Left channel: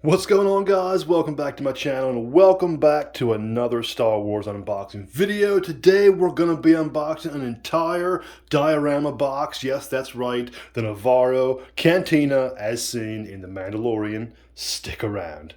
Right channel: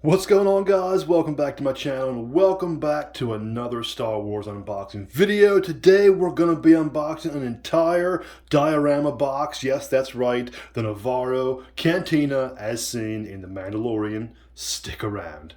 What's going on, guys? Welcome back to my channel and welcome back to another Star Wars unboxing video. Today we're going to be unboxing an entire diorama box. Yes, that's right, the Nevarro Cantina as seen in The Mandalorian. Stick around.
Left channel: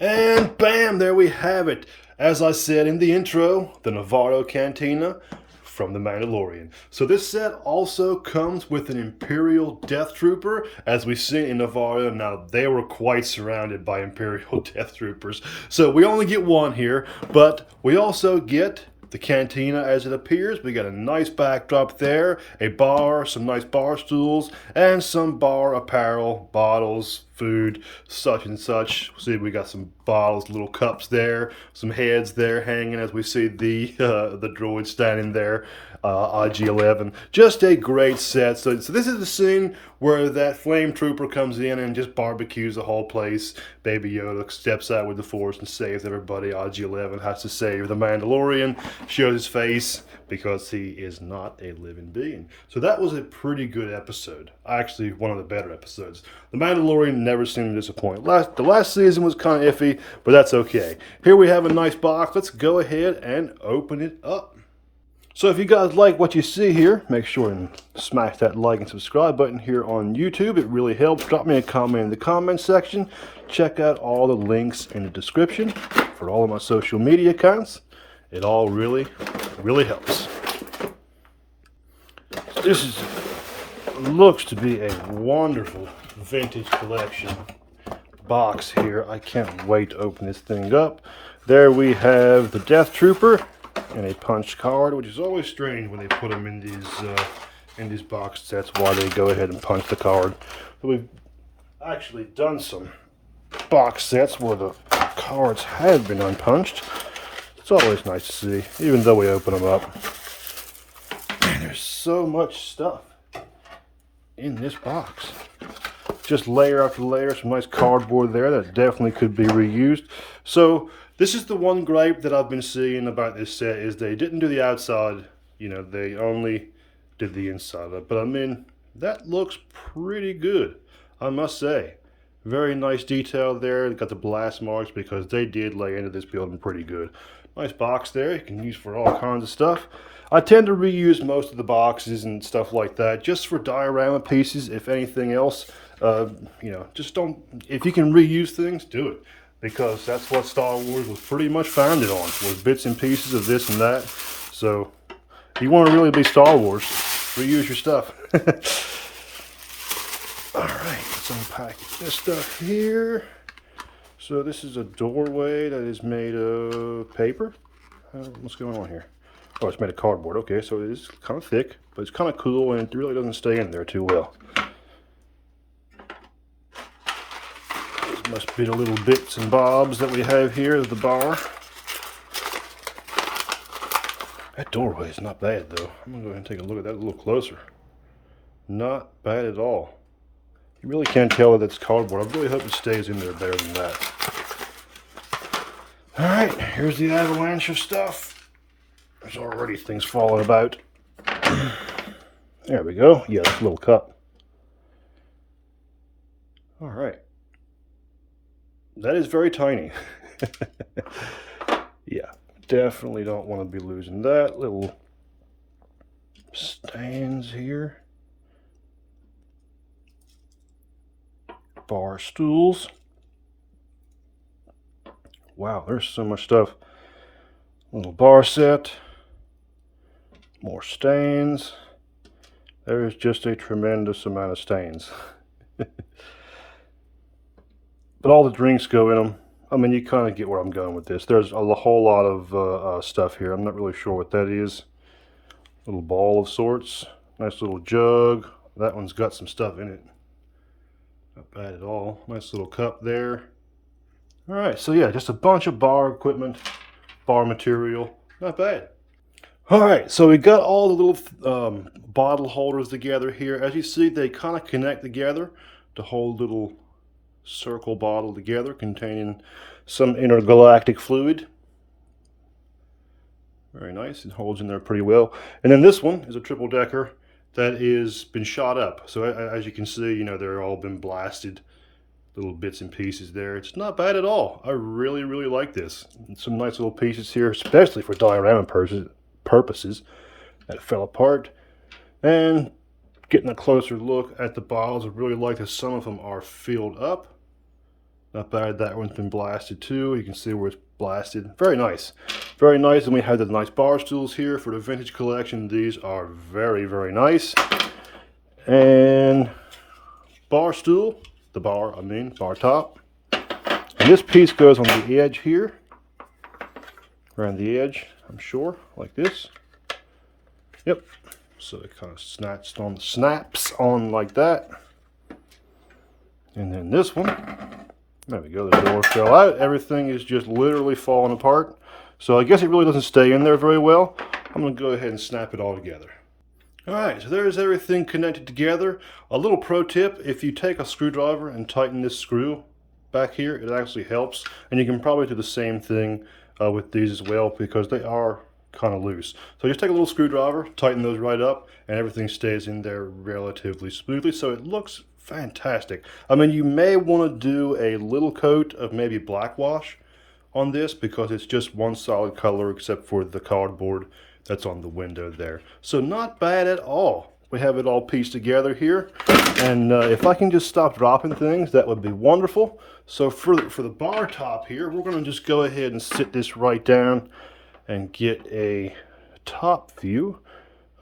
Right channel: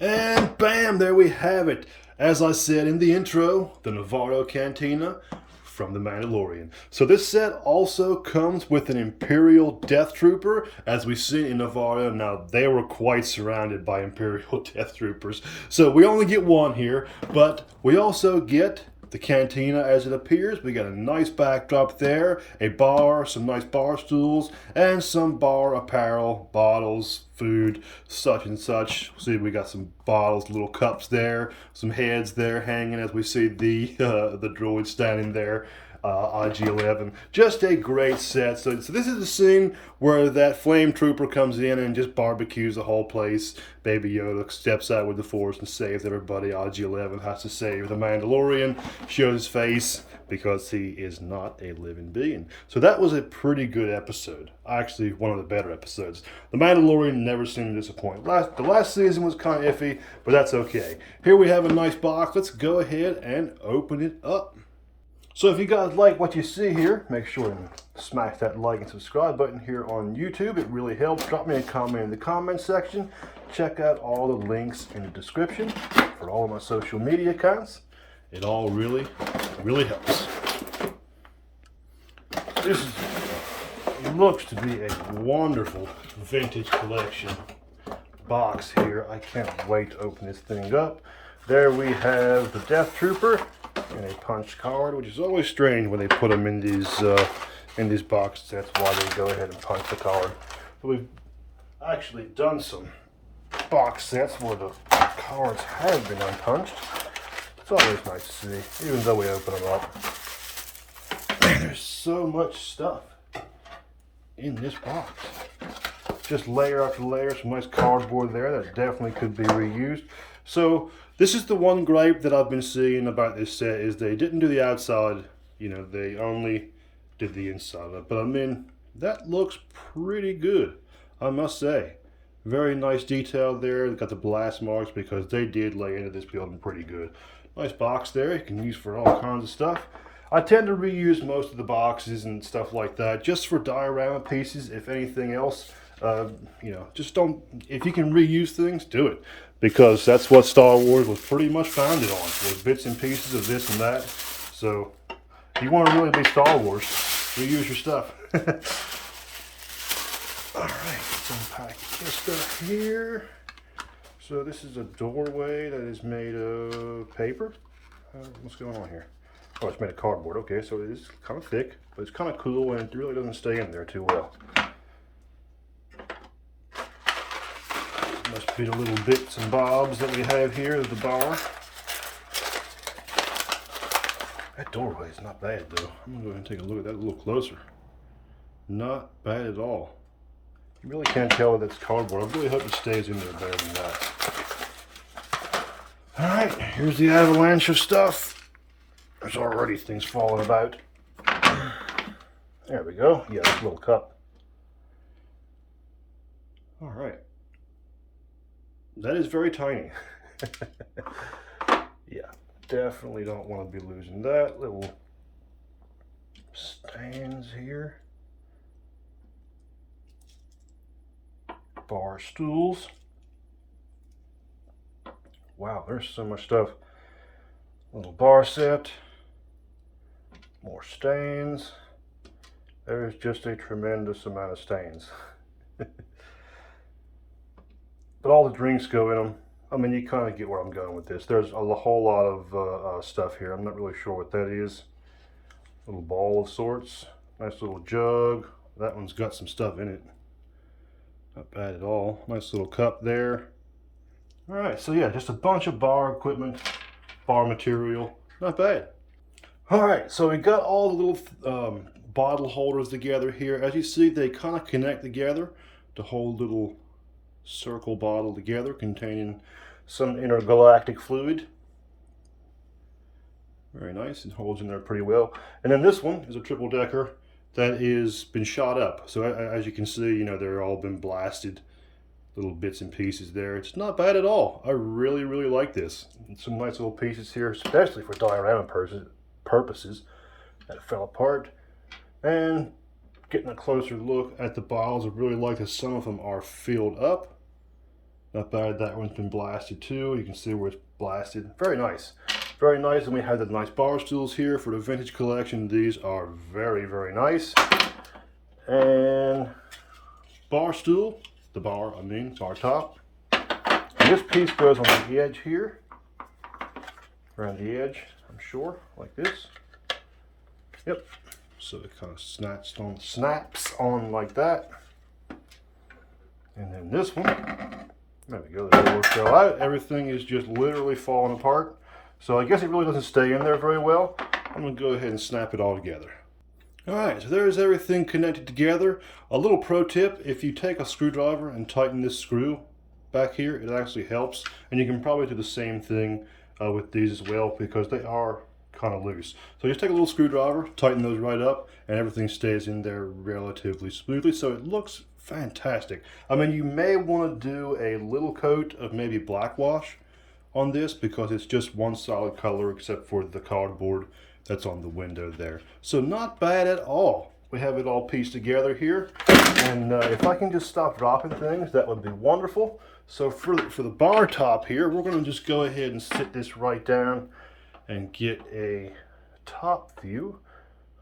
And bam, there we have it. As I said in the intro, the Nevarro Cantina from The Mandalorian. So this set also comes with an Imperial Death Trooper, as we've seen in Nevarro. Now, they were quite surrounded by Imperial Death Troopers. So we only get one here, but we also get the cantina as it appears. We got a nice backdrop there, a bar, some nice bar stools, and some bar apparel, bottles, food, such and such. See, we got some bottles, little cups there, some heads there hanging as we see the droid standing there. IG-11. Just a great set. So this is the scene where that flame trooper comes in and just barbecues the whole place. Baby Yoda steps out with the Force and saves everybody. IG-11 has to save the Mandalorian, shows his face because he is not a living being. So that was a pretty good episode. Actually, one of the better episodes. The Mandalorian never seemed to disappoint. The last season was kind of iffy, but that's okay. Here we have a nice box. Let's go ahead and open it up. So if you guys like what you see here, make sure and smash that like and subscribe button here on YouTube. It really helps. Drop me a comment in the comment section. Check out all the links in the description for all of my social media accounts. It all really helps. This looks to be a wonderful vintage collection box here. I can't wait to open this thing up. There we have the Death Trooper and a punch card, which is always strange when they put them in these box sets. Why they go ahead and punch the card. But we've actually done some box sets where the cards have been unpunched. It's always nice to see, even though we open them up. Man, there's so much stuff in this box. Just layer after layer, some nice cardboard there that definitely could be reused. So this is the one gripe that I've been seeing about this set, is they didn't do the outside, they only did the inside of it. But I mean, that looks pretty good, I must say. Very nice detail there. They got the blast marks because they did lay into this building pretty good. Nice box there, you can use for all kinds of stuff. I tend to reuse most of the boxes and stuff like that, just for diorama pieces, if anything else. Just don't, if you can reuse things, do it. Because that's what Star Wars was pretty much founded on, was bits and pieces of this and that. So, if you want to really be Star Wars, reuse your stuff. Alright, let's unpack this stuff here. So this is a doorway that is made of paper. What's going on here? Oh, it's made of cardboard. Okay, so it is kind of thick, but it's kind of cool and it really doesn't stay in there too well. Must be the little bits and bobs that we have here at the bar. That doorway is not bad though. I'm gonna go ahead and take a look at that a little closer. Not bad at all. You really can't tell that it's cardboard. I really hope it stays in there better than that. Alright, here's the avalanche of stuff. There's already things falling about. There we go. Yeah, this little cup. Alright. That is very tiny. Yeah, definitely don't want to be losing that. Little stands here. Bar stools. Wow, there's so much stuff. Little bar set. More stains. There is just a tremendous amount of stains. But all the drinks go in them. I mean, you kind of get where I'm going with this. There's a whole lot of stuff here. I'm not really sure what that is. Little ball of sorts. Nice little jug. That one's got some stuff in it. Not bad at all. Nice little cup there. Alright, so yeah, just a bunch of bar equipment, bar material. Not bad. Alright, so we got all the little bottle holders together here. As you see, they kind of connect together to hold little circle bottle together containing some intergalactic fluid. Very nice. It holds in there pretty well. And then this one is a triple decker that is been shot up. So as you can see, they're all been blasted little bits and pieces there. It's not bad at all. I really, really like this. And some nice little pieces here, especially for diorama purposes that fell apart. And getting a closer look at the bottles, I really like that some of them are filled up. Not bad, that one's been blasted too. You can see where it's blasted. Very nice. Very nice. And we have the nice bar stools here for the vintage collection. These are very, very nice. And bar stool, bar top. And this piece goes on the edge here. Around the edge, I'm sure, like this. Yep. So it kind of snaps on like that. And then this one, there we go, the door fell out. Everything is just literally falling apart. So I guess it really doesn't stay in there very well. I'm gonna go ahead and snap it all together. All right, so there's everything connected together. A little pro tip, if you take a screwdriver and tighten this screw back here, it actually helps. And you can probably do the same thing with these as well, because they are kind of loose. So just take a little screwdriver, tighten those right up, and everything stays in there relatively smoothly. So it looks fantastic. I mean, you may want to do a little coat of maybe black wash on this, because it's just one solid color except for the cardboard that's on the window there. So not bad at all. We have it all pieced together here. And if I can just stop dropping things, that would be wonderful. So for the bar top here, we're going to just go ahead and sit this right down and get a top view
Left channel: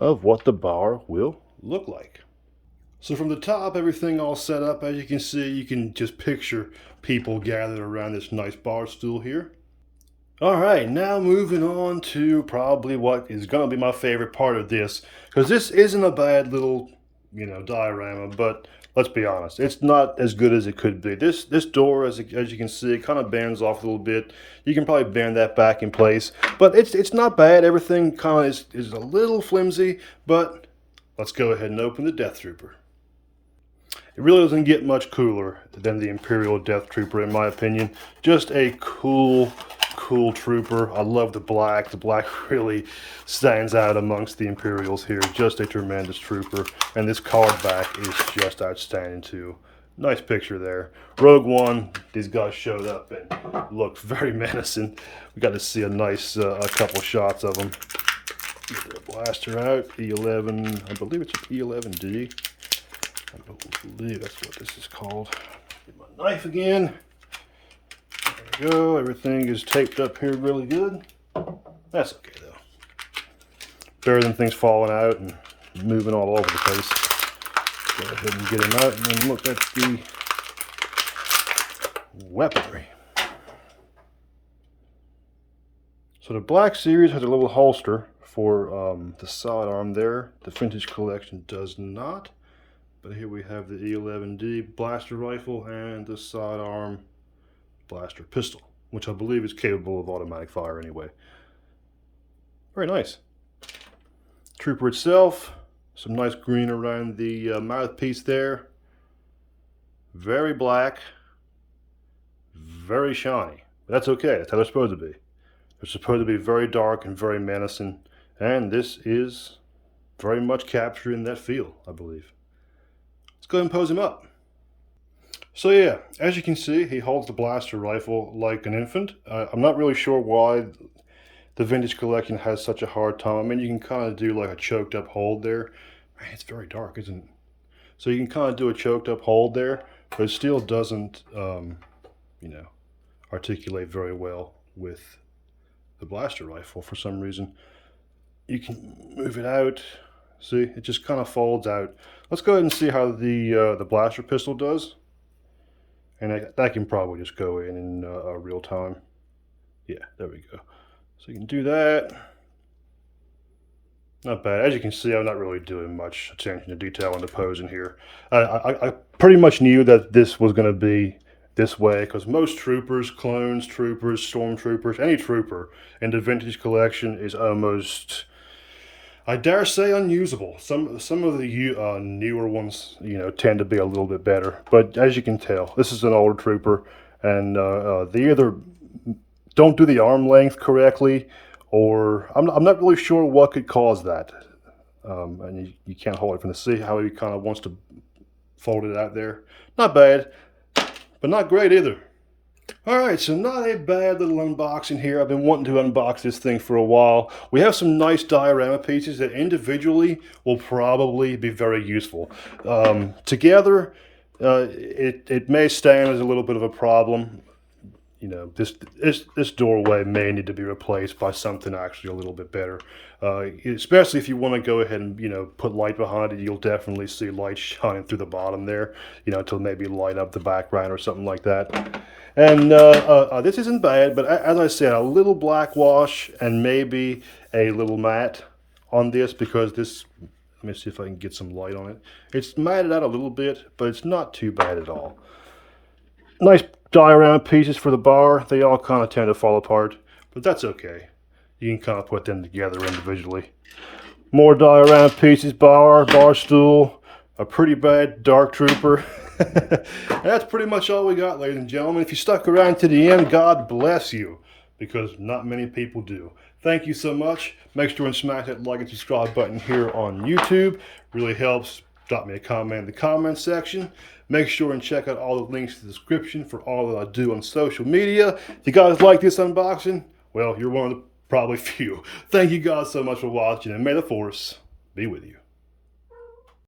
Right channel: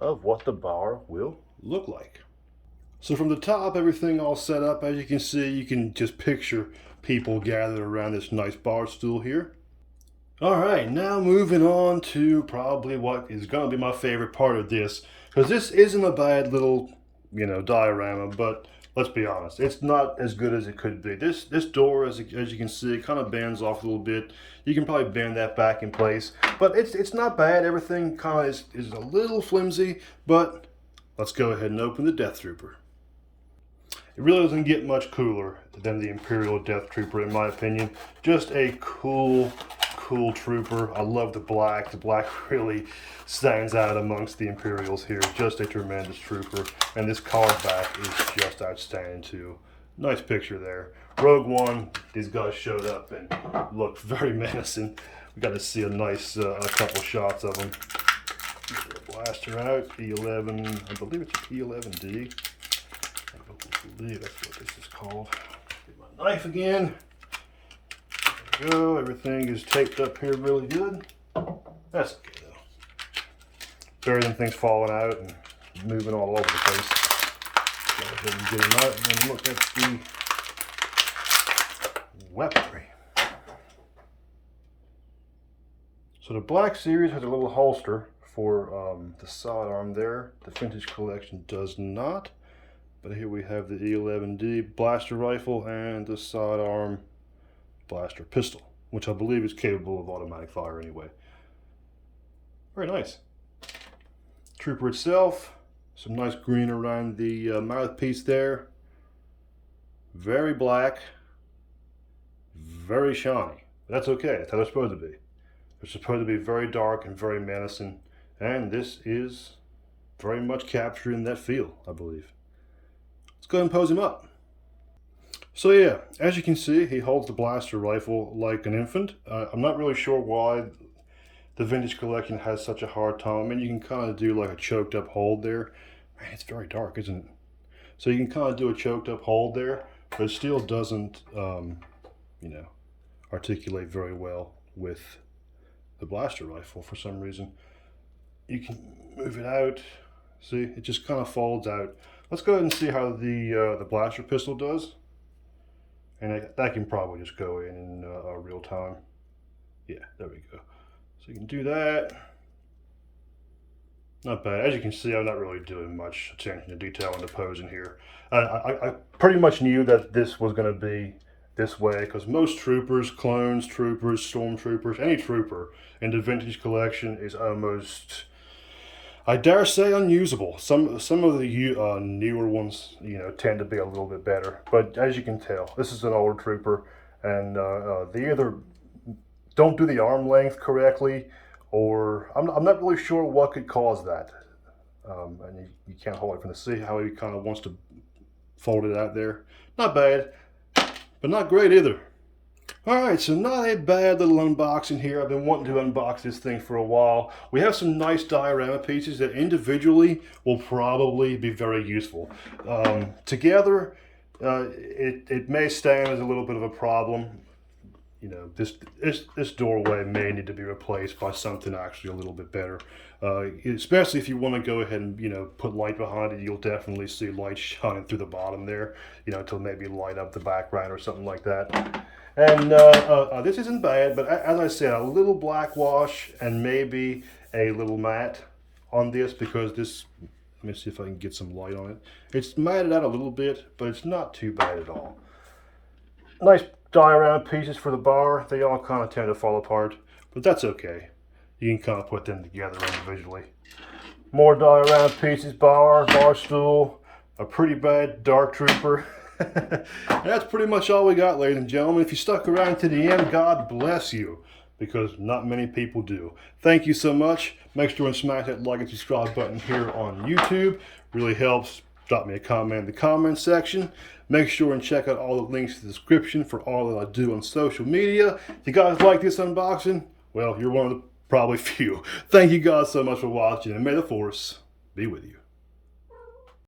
of what the bar will look like. So from the top, everything all set up. As you can see, you can just picture people gathered around this nice bar stool here. All right, now moving on to probably what is going to be my favorite part of this, because this isn't a bad little, diorama, but let's be honest, it's not as good as it could be. This door, as you can see, it kind of bends off a little bit. You can probably bend that back in place, but it's not bad. Everything kind of is a little flimsy, but let's go ahead and open the Death Trooper. It really doesn't get much cooler than the Imperial Death Trooper, in my opinion. Just a cool trooper. I love the black. The black really stands out amongst the Imperials here. Just a tremendous trooper. And this card back is just outstanding too. Nice picture there. Rogue One, these guys showed up and looked very menacing. We got to see a nice a couple shots of them. Blaster out, E11, I believe it's an E11D. I believe that's what this is called. Get my knife again. There we go. Everything is taped up here really good. That's okay though. Better than things falling out and moving all over the place. Go ahead and get them out and then look at the weaponry. So the Black Series has a little holster for the sidearm there. The Vintage Collection does not. But here we have the E11D blaster rifle and the sidearm blaster pistol, which I believe is capable of automatic fire anyway. Very nice. Trooper itself, some nice green around the mouthpiece there. Very black, very shiny. That's okay, that's how they're supposed to be. They're supposed to be very dark and very menacing, and this is very much capturing that feel, I believe. Let's go ahead and pose him up. So yeah, as you can see, he holds the blaster rifle like an infant. I'm not really sure why the Vintage Collection has such a hard time. I mean, you can kind of do like a choked up hold there. Man, it's very dark, isn't it? So you can kind of do a choked up hold there, but it still doesn't, articulate very well with the blaster rifle for some reason. You can move it out. See, it just kind of folds out. Let's go ahead and see how the blaster pistol does. And that can probably just go in real time. Yeah, there we go. So you can do that. Not bad. As you can see, I'm not really doing much attention to detail on the pose in here. I pretty much knew that this was going to be this way, because most troopers, clones, troopers, stormtroopers, any trooper in the Vintage Collection is almost, I dare say, unusable. Some of the newer ones, tend to be a little bit better. But as you can tell, this is an older trooper, and they either don't do the arm length correctly, or I'm not really sure what could cause that. And you can't hold it from the see how he kind of wants to fold it out there. Not bad. but not great either. Alright, so not a bad little unboxing here. I've been wanting to unbox this thing for a while. We have some nice diorama pieces that individually will probably be very useful. Together, it may stand as a little bit of a problem. You know, this doorway may need to be replaced by something actually a little bit better. Especially if you want to go ahead and, you know, put light behind it, you'll definitely see light shining through the bottom there, you know, to maybe light up the background or something like that. And this isn't bad, but as I said, a little black wash and maybe a little matte on this, because this, let me see if I can get some light on it. It's matted out a little bit, but it's not too bad at all. Nice diorama pieces for the bar. They all kind of tend to fall apart, but that's okay. You can kind of put them together individually. More diorama pieces, bar stool, a pretty bad Dark Trooper. That's pretty much all we got, ladies and gentlemen. If you stuck around to the end, God bless you, because not many people do. Thank you so much. Make sure and smash that like and subscribe button here on YouTube. Really helps. Drop me a comment in the comment section. Make sure and check out all the links in the description for all that I do on social media. If you guys like this unboxing, well, you're one of the probably few. Thank you guys so much for watching, and may the Force be with you.